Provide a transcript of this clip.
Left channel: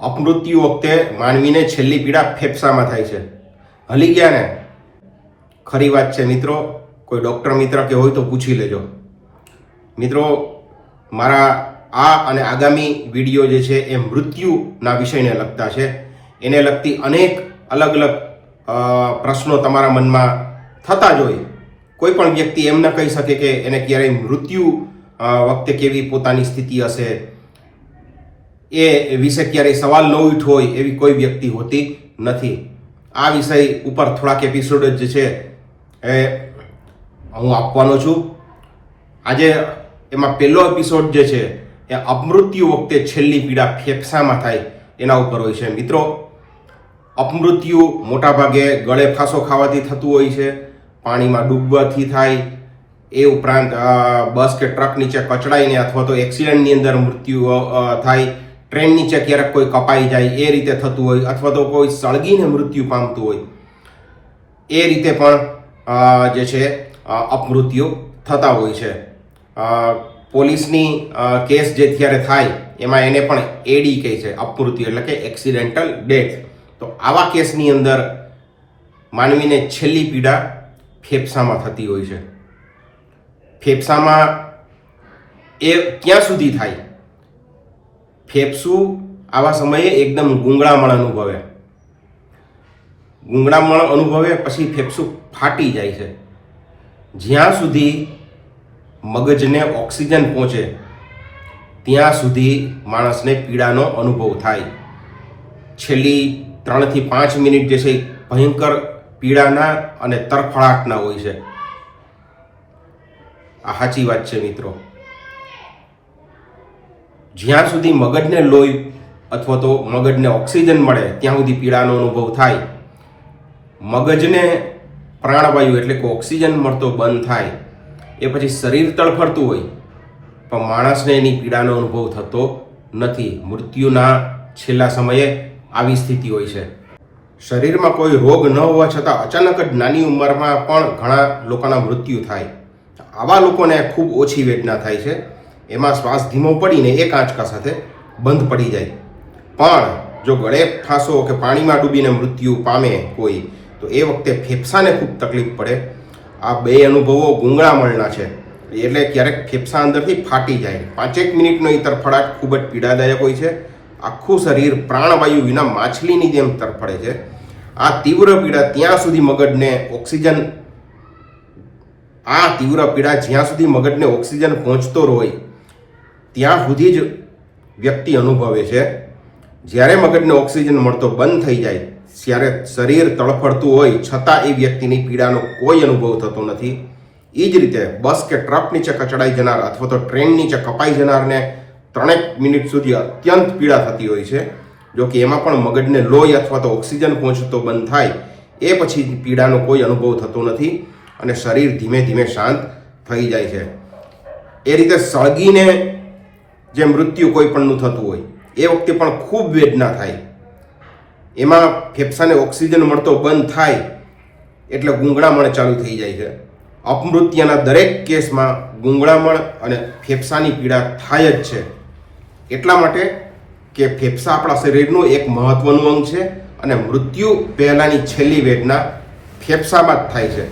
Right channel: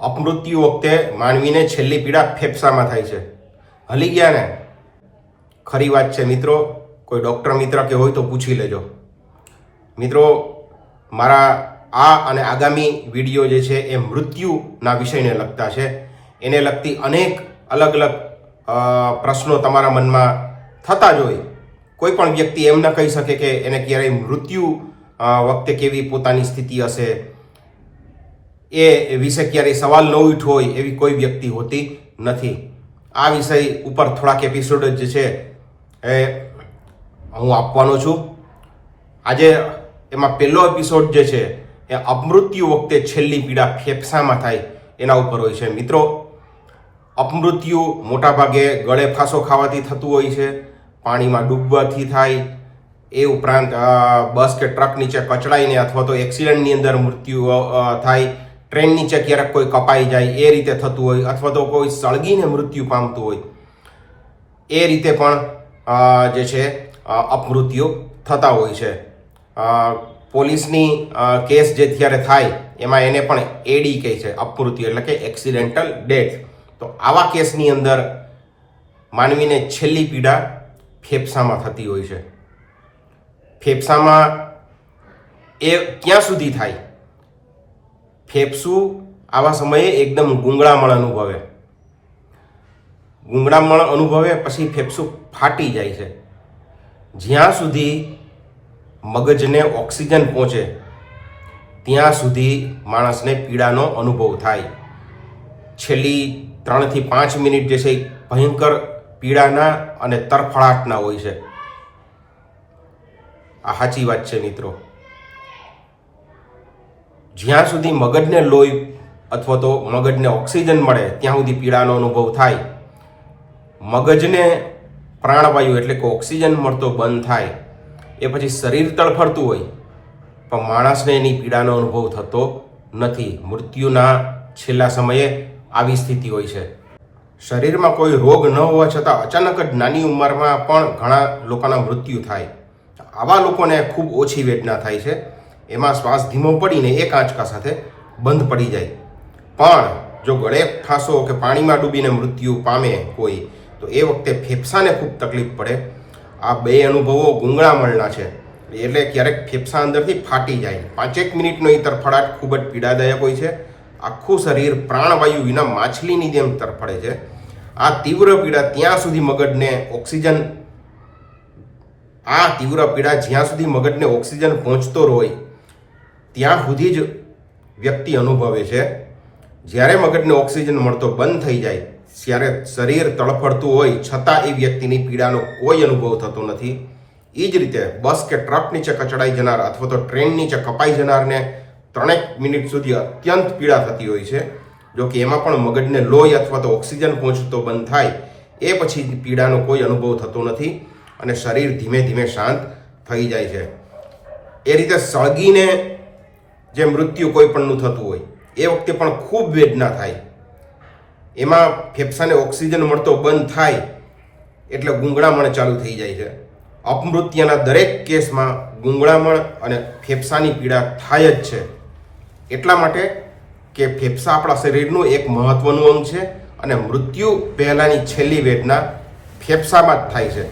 અપમૃત્યુ વખતે માનવીને છેલ્લી પીડા ફેફસામાં થાય છે. હલી ગયા ને? ખરી વાત છે મિત્રો. કોઈ ડૉક્ટર મિત્ર કે હોય તો પૂછી લેજો. મિત્રો, મારા આ અને આગામી વિડીયો જે છે એ મૃત્યુના વિષયને લગતા છે. એને લગતી અનેક અલગ અલગ પ્રશ્નો તમારા મનમાં થતા જ હોય. કોઈ પણ વ્યક્તિ એમ ન કહી શકે કે એને ક્યારેય મૃત્યુ વખતે કેવી પોતાની સ્થિતિ હશે, એ વિશે ક્યારેય સવાલ ન ઉઠ્યો હોય એવી કોઈ વ્યક્તિ હોતી નથી. આ વિષય ઉપર થોડાક એપિસોડ જે છે એ હું આપવાનો છું. આજે એમાં પહેલો એપિસોડ જે છે એ અપમૃત્યુ વખતે છેલ્લી પીડા ફેફસામાં થાય એના ઉપર હોય છે. મિત્રો, અપમૃત્યુ મોટાભાગે ગળે ફાંસો ખાવાથી થતું હોય છે, પાણીમાં ડૂબવાથી થાય, એ ઉપરાંત બસ કે ટ્રક નીચે કચડાઈને અથવા તો એક્સિડન્ટની અંદર મૃત્યુ થાય, ટ્રેન નીચે ક્યારેક કોઈ કપાઈ જાય એ રીતે થતું હોય, અથવા તો કોઈ સળગીને મૃત્યુ પામતું હોય, એ રીતે પણ જે છે અપમૃત્યુ થતા હોય છે. પોલીસની કેસ જે ત્યારે થાય એમાં એને પણ એડી કહે છે, અપમૃત્યુ એટલે કે એક્સિડેન્ટલ ડેથ. તો આવા કેસની અંદર માનવીને છેલ્લી પીડા ફેફસામાં થતી હોય છે. ફેફસામાં એ ક્યાં સુધી થાય? ફેફસું આવા સમયે એકદમ ગૂંગળામણ અનુભવે. ગૂંગળામણ અનુભવે પછી ફેફસું ફાટી જાય છે. જ્યાં સુધી મગજને ઓક્સિજન પહોંચે ત્યાં સુધી માણસને પીડાનો અનુભવ થાય. છેલ્લી 3 થી 5 મિનિટ જે છે ભયંકર પીડાના અને તરફડાટના હોય છે. આ સાચી વાત છે મિત્રો. જ્યાં સુધી મગજને લોહી અથવા તો મગજને ઓક્સિજન મળે ત્યાં સુધી પીડાનો અનુભવ થાય. મગજને પ્રાણવાયુ એટલે કે ઓક્સિજન મળતો બંધ થાય એ પછી શરીર તડફડતું હોય પણ માણસને એની પીડાનો અનુભવ થતો નથી. મૃત્યુના છેલ્લા સમયે આવી સ્થિતિ હોય છે. શરીરમાં કોઈ રોગ ન હોવા છતાં અચાનક જ નાની ઉંમરમાં પણ ઘણા લોકોના મૃત્યુ થાય. આવા લોકોને ખૂબ ઓછી વેદના થાય છે. એમાં શ્વાસ ધીમો પડીને એક આંચકા સાથે બંધ પડી જાય. પણ જો ગળે ફાંસો કે પાણીમાં ડૂબીને મૃત્યુ પામે કોઈ, તો એ વખતે ફેફસાને ખૂબ તકલીફ પડે. આ બે અનુભવો ગૂંગળામણના છે, એટલે ક્યારેક ફેફસા અંદરથી ફાટી જાય. 5 મિનિટનો એ તરફડાટ ખૂબ જ પીડાદાયક હોય છે. આખું શરીર પ્રાણવાયુ વિના માછલીની જેમ તરફડે છે. આ તીવ્ર પીડા ત્યાં સુધી મગજને ઓક્સિજન જ્યાં સુધી મગજને ઓક્સિજન પહોંચતો હોય ત્યાં સુધી જ વ્યક્તિ અનુભવે છે. જ્યારે મગજને ઓક્સિજન મળતો બંધ થઈ જાય ત્યારે શરીર તડફડતું હોય છતાં એ વ્યક્તિની પીડાનો કોઈ અનુભવ થતો નથી. એ જ રીતે બસ કે ટ્રક નીચે કચડાઈ જનાર અથવા તો ટ્રેન નીચે કપાઈ જનારને 3 મિનિટ સુધી અત્યંત પીડા થતી હોય છે. જો કે એમાં પણ મગજને લોહી અથવા તો ઓક્સિજન પહોંચતો બંધ થાય એ પછી પીડાનો કોઈ અનુભવ થતો નથી અને શરીર ધીમે ધીમે શાંત થઈ જાય છે. એ રીતે સળગીને જે મૃત્યુ કોઈ પણનું થતું હોય એ વખતે પણ ખૂબ વેદના થાય. એમાં ફેફસાને ઓક્સિજન મળતો બંધ થાય એટલે ગૂંગળામણ ચાલુ થઈ જાય છે. અપમૃત્યુના દરેક કેસમાં ગૂંગળામણ અને ફેફસાની પીડા થાય જ છે. એટલા માટે કે ફેફસા આપણા શરીરનું એક મહત્વનું અંગ છે અને મૃત્યુ પહેલાંની છેલ્લી વેદના ફેફસામાં જ થાય છે.